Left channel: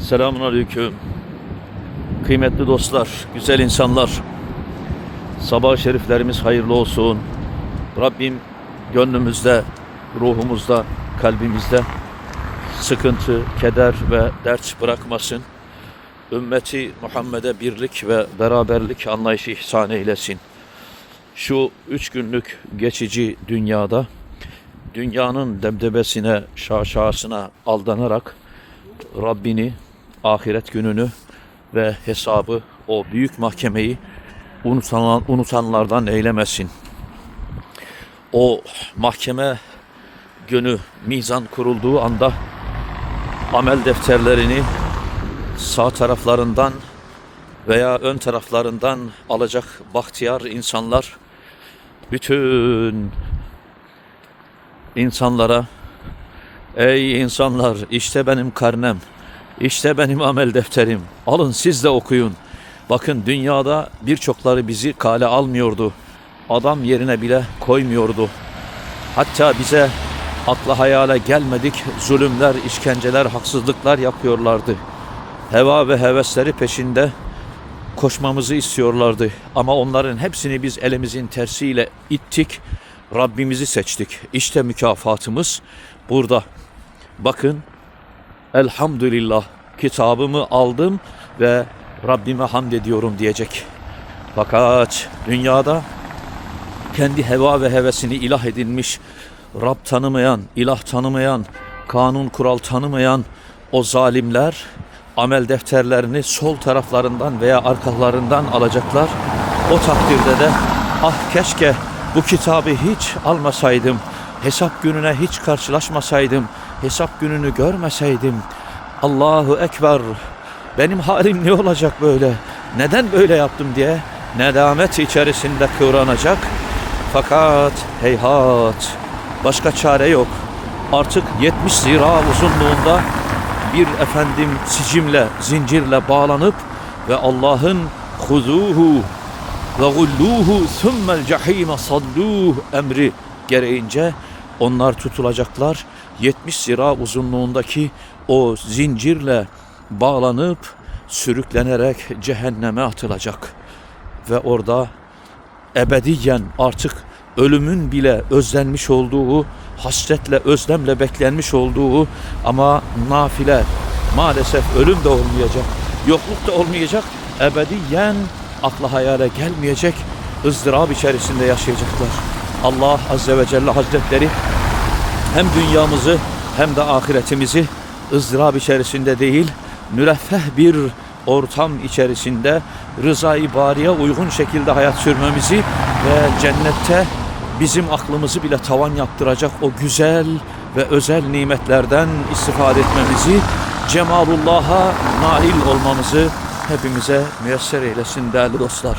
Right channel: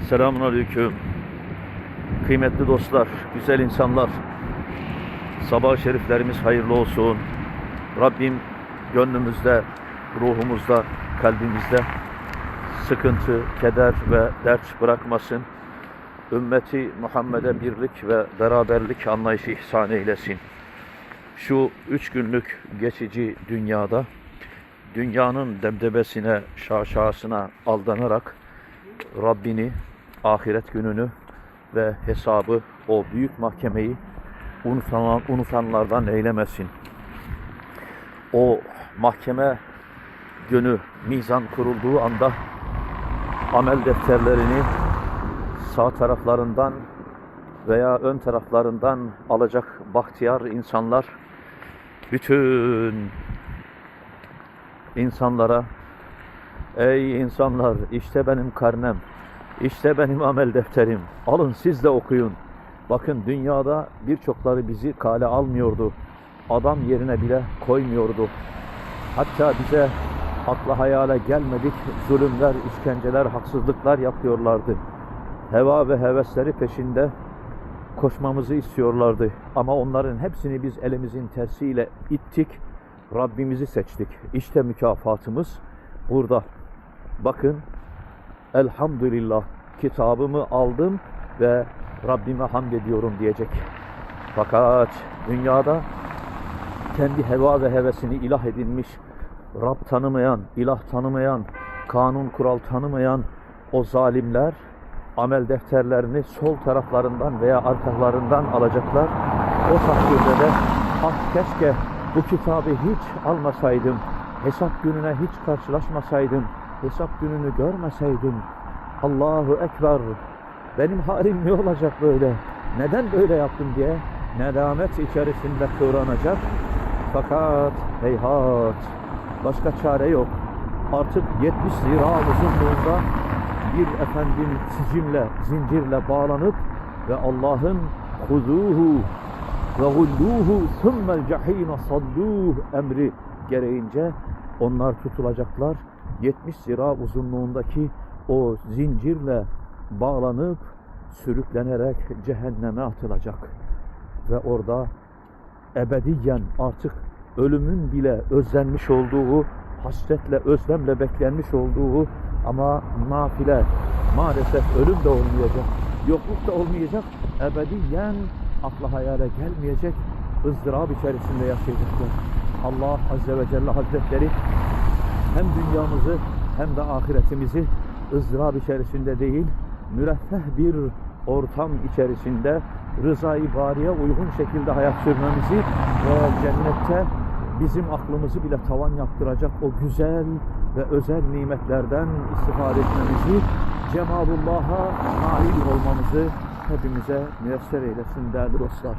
Selamun Aleyküm. Kıymetli dostlar, güzel insanlar. Sabah şeriflerimiz hayırlı olsun. Rabbim gönlümüzde, ruhumuzda, kalbimizde sıkıntı, keder ve dert bırakmasın. Ümmeti Muhammed'e birlik ve beraberlik anlayışı ihsan eylesin. Şu üç günlük geçici dünyada dünyanın debdebesine, şaşasına aldanarak Rabbini, ahiret gününü ve hesabı, o büyük mahkemeyi unutan, unutanlardan eylemesin. O mahkeme günü mizan kurulduğu anda amel defterlerini sağ taraflarından veya ön taraflarından alacak bahtiyar insanlar bütün insanlara Ey insanlar işte benim karnem, işte benim amel defterim. Alın siz de okuyun. Bakın dünyada birçokları bizi kale almıyordu. Adam yerine bile koymuyordu. Hatta bize akla hayale gelmedik zulümler, işkenceler, haksızlıklar yapıyorlardı. Heva ve hevesleri peşinde koşmamızı istiyorlardı. Ama onların hepsini biz elimizin tersiyle ittik. Rabbimizi seçtik. İşte mükafatımız burada. Bakın elhamdülillah kitabımı aldım ve Rabbime hamd ediyorum diyecek. Fakat dünyada kendi heva ve hevesini ilah edinmiş, Rab tanımayan, ilah tanımayan, kanun kural tanımayan o zalimler amel defterlerini sol taraflarından veya arkalarından alacaklar. O takdirde de ah keşke bu kitabı hiç almasaydım, hesap gününe hiç karşılaşmasaydım, hesap gününü görmeseydim. Allahu Ekber. Benim halim ne olacak böyle? Neden böyle yaptım diye nedamet içerisinde kıvranacak. Fakat heyhat başka çare yok. Artık 70 zira uzunluğunda bir efendim sicimle, zincirle bağlanıp ve Allah'ın huzuhu ve gulluhu thummel cehime salluh emri gereğince onlar tutulacaklar. 70 zira uzunluğundaki o zincirle bağlanıp sürüklenerek cehenneme atılacak. Ve orada ebediyen artık ölümün bile özlenmiş olduğu, hasretle, özlemle beklenmiş olduğu ama nafile maalesef ölüm de olmayacak, yokluk da olmayacak, ebediyen akla hayale gelmeyecek ızdırap içerisinde yaşayacaklar. Allah Azze ve Celle Hazretleri hem dünyamızı hem de ahiretimizi ızdırap içerisinde değil, müreffeh bir ortam içerisinde rızayı bariye uygun şekilde hayat sürmemizi ve cennette bizim aklımızı bile tavan yaptıracak o güzel ve özel nimetlerden istifade etmemizi, cemalullah'a nail olmamızı hepimize müyesser eylesin değerli dostlar.